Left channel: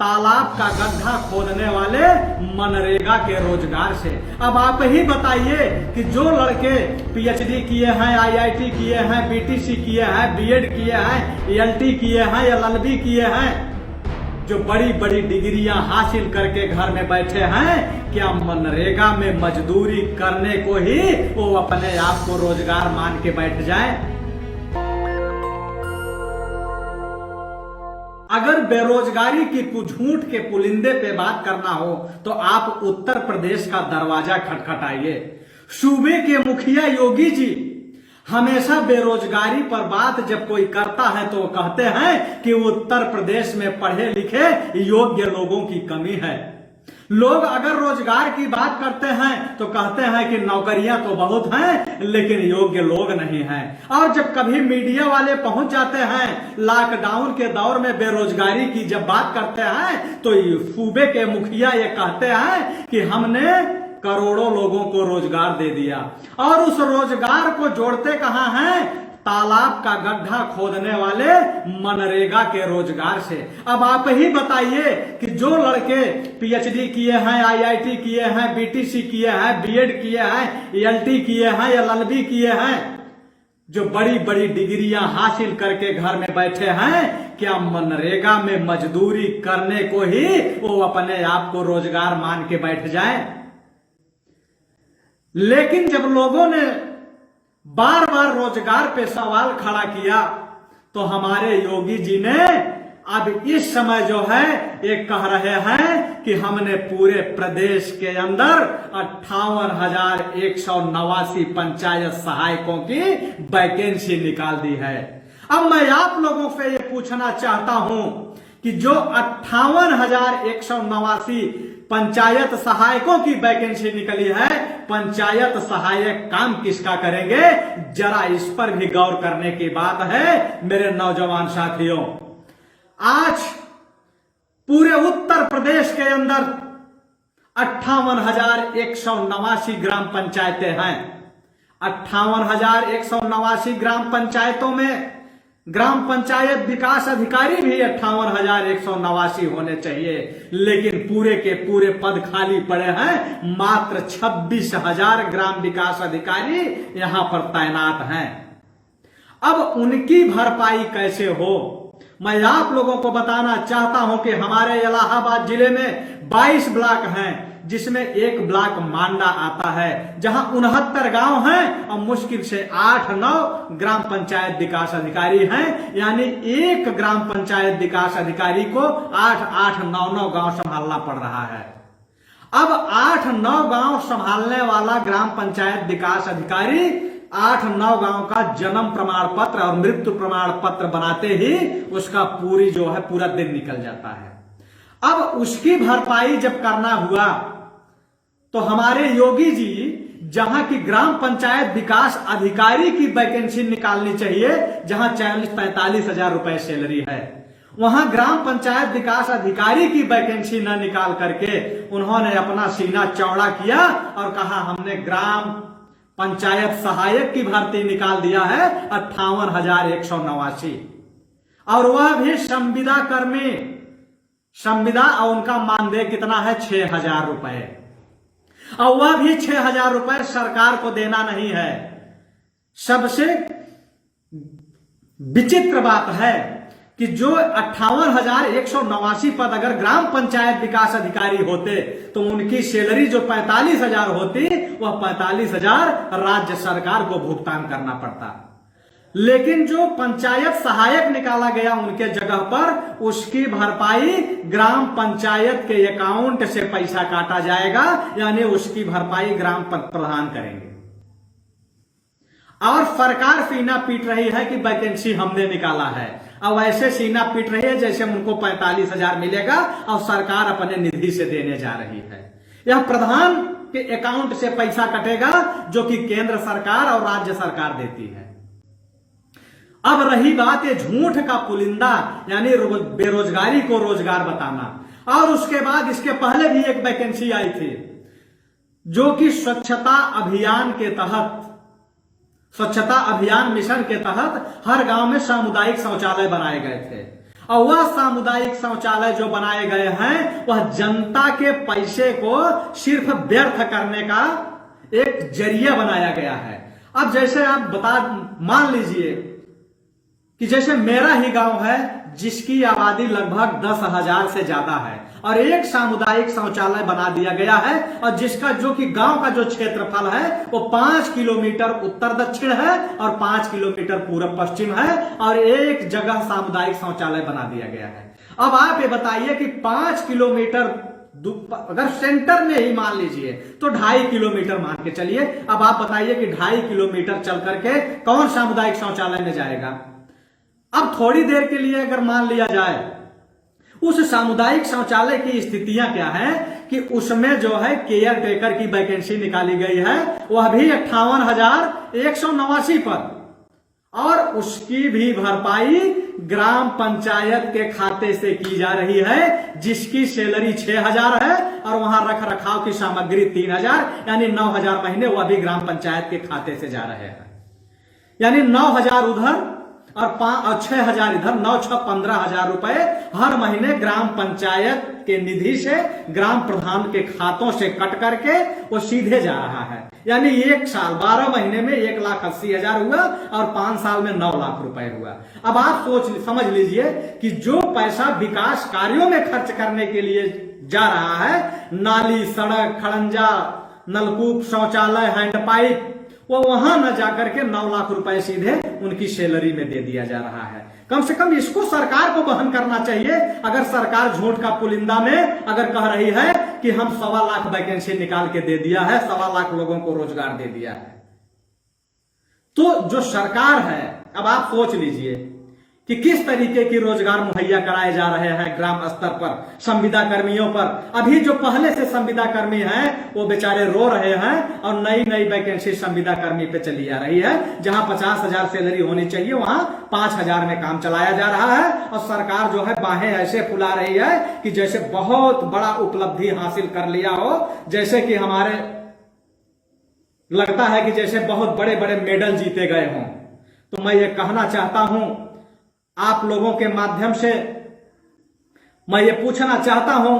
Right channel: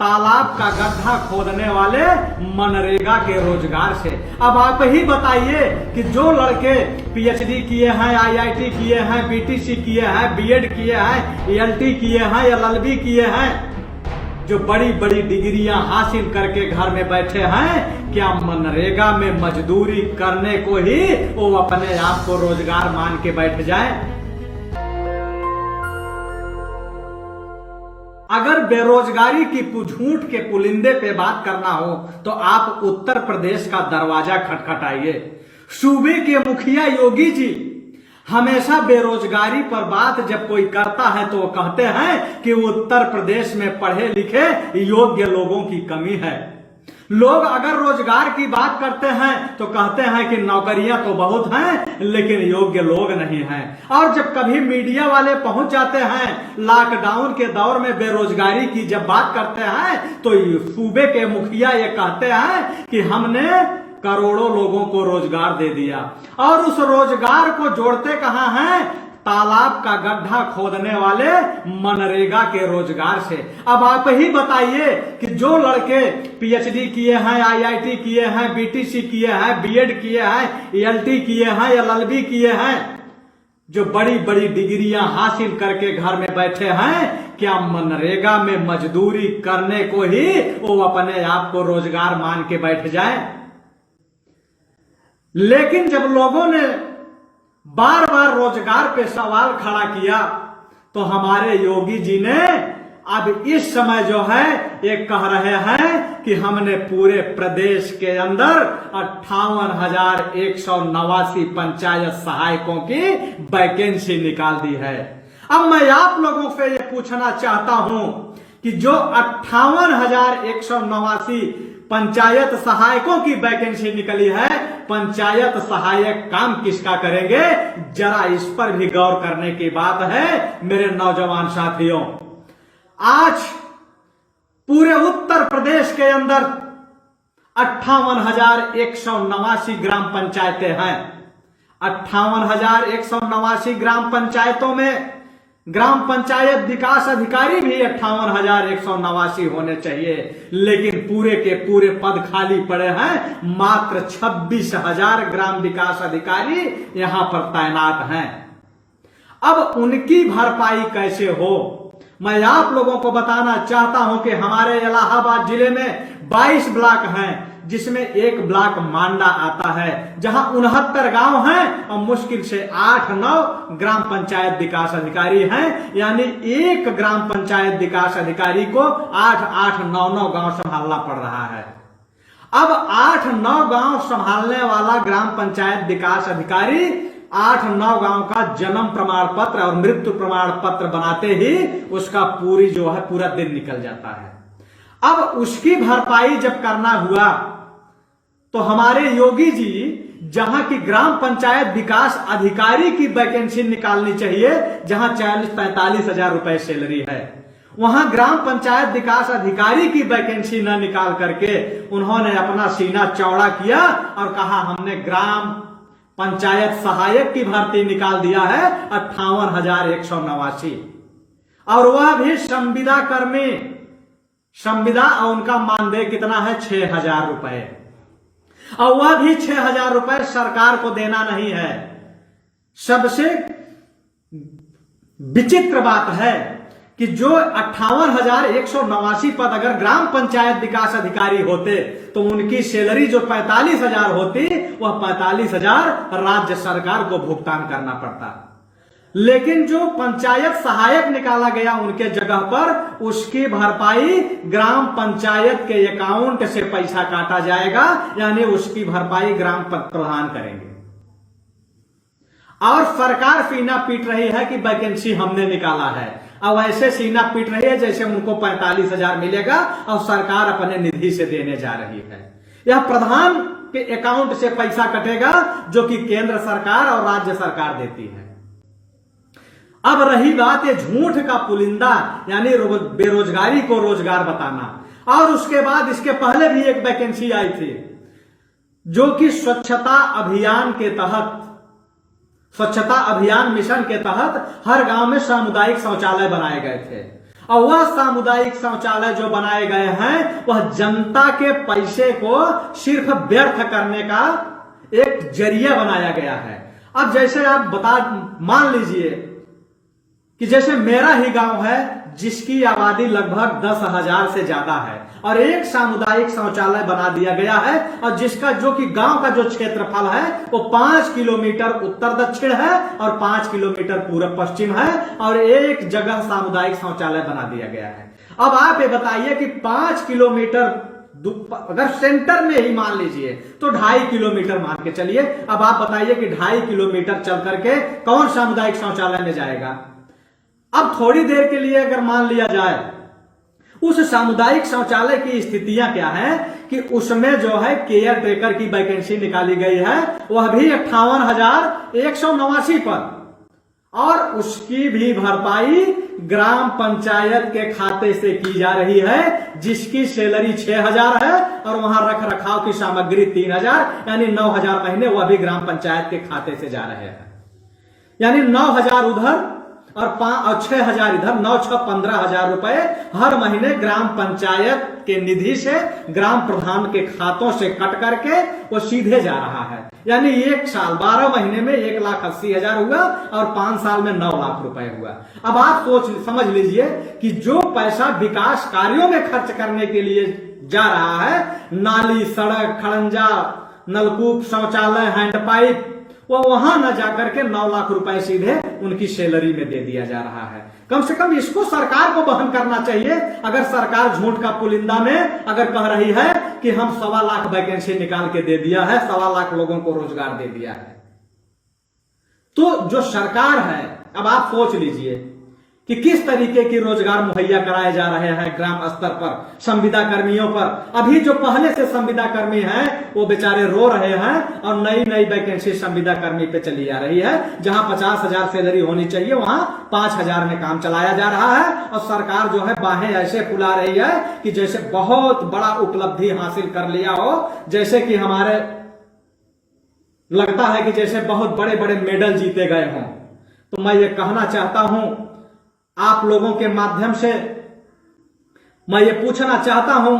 तालाब का गड्ढा खोदने वाले मनरेगा के रोजगार से। अब आप ही बताइए कि जो लड़के पीएचडी किए हैं, आईआईटी किए हैं, बीटीसी किए हैं, बीएड किए हैं, एलटी किए हैं, एलएलबी किए हैं, जो बड़ी बड़ी डिग्रियां हासिल करके घर में बैठे हैं, क्या मनरेगा में मजदूरी करने को ही वो अपने आप को रोजगार मान के बैठ जाए? अगर बेरोजगारी की झूठ के पुलिंदे पे बात करना हो तो आप उत्तर प्रदेश का दरवाजा खटखटाइए। सूबे के मुखिया योगी जी हमेशा बेरोजगारी पर बात जब कोई करता है तो वो कहते हैं कि उत्तर प्रदेश में पढ़े लिखे योग्य लोगों की कमी है। लोग अगर रोजगार की बात करते हैं तो कहते हैं कि नौकरियां तो बहुत हैं लेकिन योग्य लोग नहीं हैं। और जब कभी मीडिया वाले पहुंच जाते हैं लॉकडाउन के दौर में बेरोजगारी की जब बात करते हैं तो सूबे के मुखिया ये कहते हैं कि हमने करोड़ों लोगों को रोजगार दे दिया। और उस रोजगार को जोड़ते कहां हैं? तालाब का गड्ढा खोदने वाले मनरेगा के रोजगार से। अब आप ही बताइए कि जो लड़के पीएचडी किए हैं, आईआईटी किए हैं, बीटीसी किए हैं, बीएड किए हैं, एलटी किए हैं, एलएलबी किए हैं, जो बड़ी बड़ी डिग्रियां हासिल करके घर में बैठे हैं, क्या मनरेगा में मजदूरी करने को ही वो अपने आप को रोजगार मान के बैठ जाए? लेकिन जब लोगों ने बार बार रोजगार पे सवाल खड़ा किया तो हमारे योगी जी ने अब इस समय जो है ये कह रहे हैं कि हमने पूरे प्रदेश के अंदर 58,189 पंचायत सहायकों की वैकेंसी निकाल दी है। अब मैं आप लोगों से ये पूछना चाहता हूं कि जो 58,189 पंचायत सहायकों की वैकेंसी निकली है, पंचायत सहायक काम किसका करेंगे? जरा इस पर भी गौर करने की बात है मेरे नौजवान साथियों। आज पूरे उत्तर प्रदेश के अंदर 58,189 ग्राम पंचायतें हैं। 58,189 ग्राम पंचायतों में ग्राम पंचायत विकास अधिकारी भी 58,189 होने चाहिए, लेकिन पूरे के पूरे पद खाली पड़े हैं। मात्र 26,000 ग्राम विकास अधिकारी यहां पर तैनात हैं। अब उनकी भरपाई कैसे हो? मैं आप लोगों को बताना चाहता हूं कि हमारे इलाहाबाद जिले में 22 ब्लॉक हैं, जिसमें एक ब्लॉक मांडा आता है, जहां 69 गांव हैं और मुश्किल से 8-9 ग्राम पंचायत विकास अधिकारी हैं। यानी एक ग्राम पंचायत विकास अधिकारी को 8-9 गांव संभालना पड़ रहा है। अब 8-9 गांव संभालने वाला ग्राम पंचायत विकास अधिकारी 8-9 गांव का जन्म प्रमाण पत्र और मृत्यु प्रमाण पत्र बनाते ही उसका पूरा दिन निकल जाता है। अब उसकी भरपाई जब करना हुआ तो हमारे योगी जी जहां की ग्राम पंचायत विकास अधिकारी की वैकेंसी निकालनी चाहिए, जहां 40-45 हजार रुपए सैलरी है, वहां ग्राम पंचायत विकास अधिकारी की वैकेंसी न निकाल करके उन्होंने अपना सीना चौड़ा किया और कहा हमने ग्राम पंचायत सहायक की भर्ती निकाल दिया है 58,189, और वह भी संविदा कर्मी। संविदा और उनका मानदेय कितना है? 6,000 रुपए, और वह भी 6,000 रुपए सरकार को देना नहीं है। सबसे विचित्र बात है कि जो 58,189 पद अगर ग्राम पंचायत विकास अधिकारी होते तो उनकी सैलरी जो 45,000 होती, वह 45,000 राज्य सरकार को भुगतान करना पड़ता। लेकिन जो पंचायत सहायक निकाला गया उनके जगह पर, उसकी भरपाई ग्राम पंचायत के अकाउंट से पैसा काटा जाएगा, यानी उसकी भरपाई ग्राम प्रधान करेंगे। और सरकार सीना पीट रही है कि वैकेंसी हमने निकाला है, अब ऐसे सीना पीट रही है जैसे उनको 45,000 मिलेगा और सरकार अपने निधि से देने जा रही है। यह प्रधान के अकाउंट से पैसा कटेगा जो कि केंद्र सरकार और राज्य सरकार देती है। अब रही बात ये झूठ का पुलिंदा, यानी बेरोजगारी को रोजगार बताना। और उसके बाद इसके पहले भी एक वैकेंसी आई थी जो कि स्वच्छता अभियान मिशन के तहत हर गांव में सामुदायिक शौचालय बनाए गए थे। और वह सामुदायिक शौचालय जो बनाए गए हैं वह जनता के पैसे को सिर्फ व्यर्थ करने का एक जरिया बनाया गया है। अब जैसे आप मान लीजिए कि जैसे मेरा ही गांव है जिसकी आबादी लगभग 10,000 से ज्यादा है और एक सामुदायिक शौचालय बना दिया गया है और जिसका जो कि गांव का जो क्षेत्रफल है वो 5 किलोमीटर उत्तर दक्षिण है और 5 किलोमीटर पूर्व पश्चिम है और एक जगह सामुदायिक शौचालय बना दिया गया है। अब आप ये बताइए कि 5 किलोमीटर अगर सेंटर में ही मान लीजिए तो 2.5 किलोमीटर मान के चलिए। अब आप बताइए कि 2.5 किलोमीटर चल करके कौन सामुदायिक शौचालय में जाएगा। अब थोड़ी देर के लिए अगर मान लिया जाए उस सामुदायिक शौचालय की स्थितियां क्या है कि उसमें जो है केयर टेकर की वैकेंसी निकाली गई है वह भी 58,189 पर और उसकी भी भरपाई ग्राम पंचायत के खाते से की जा रही है जिसकी सैलरी 6,000 है और वहां रख रखाव की सामग्री 3,000 यानी 9,000 महीने वह भी ग्राम पंचायत के खाते से जा रहे हैं। यानी 9,000 उधर और 6,000 इधर, 9-6 15,000 रुपए हर महीने ग्राम पंचायत के निधि से ग्राम प्रधान के खातों से कट करके वो सीधे जा रहा है। यानी एक साल 12 महीने में 1,80,000 हुआ और 5 साल में 9 लाख रुपए हुआ। अब आप समझ लीजिए कि जो पैसा विकास कार्यों में खर्च करने के लिए जा रहा है, नाली, सड़क, खड़ंजा, नलकूप, शौचालय, हैंडपाइप, वो वहां न जाकर के 9 लाख रुपए सीधे उनकी सैलरी में दे दिया जा रहा है। कम से कम इसको सरकार को वहन करना चाहिए। अगर सरकार झूठ का पुलिंदा में अगर कह रही है कि हम 1.25 लाख वैकेंसी निकाल के दे दिया है, 1.25 लाख लोगों को रोजगार दे दिया है, तो जो सरकार है, अब आप सोच लीजिए कि किस तरीके की रोजगार मुहैया कराए जा रहे हैं ग्राम स्तर पर संविदा कर्मियों पर। अभी जो पहले से संविदा कर्मी हैं वो बेचारे रो रहे हैं और नई नई वैकेंसी संविदा कर्मी पे चली आ रही है। जहां 50,000 सैलरी होनी चाहिए वहां 5,000 में काम चलाया जा रहा है और सरकार जो है बाहें ऐसे फुला रही है कि जैसे बहुत बड़ा उपलब्धि हासिल कर लिया हो, जैसे कि हमारे लगता है कि जैसे बहुत बड़े बड़े मेडल जीते गए हों। तो मैं ये कहना चाहता हूं आप लोगों के माध्यम से, मैं ये पूछना चाहता हूं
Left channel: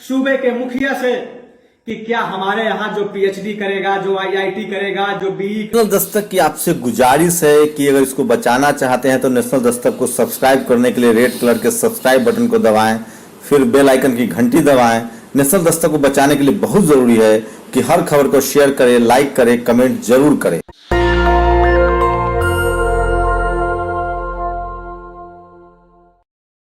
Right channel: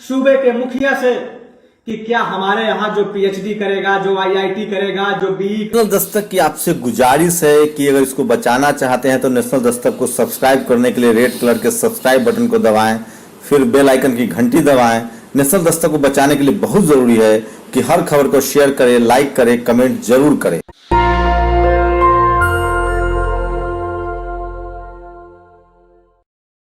सूबे के मुखिया से कि क्या हमारे यहाँ जो पीएचडी करेगा, जो आईआईटी करेगा, जो बीई। नेशनल दस्तक की आपसे गुजारिश है कि अगर इसको बचाना चाहते हैं तो नेशनल दस्तक को सब्सक्राइब करने के लिए रेड कलर के सब्सक्राइब बटन को दबाएं, फिर बेल आइकन की घंटी दबाएं। नेशनल दस्तक को बचाने के लिए बहुत जरूरी है कि हर खबर को शेयर करें, लाइक करें, कमेंट जरूर करें।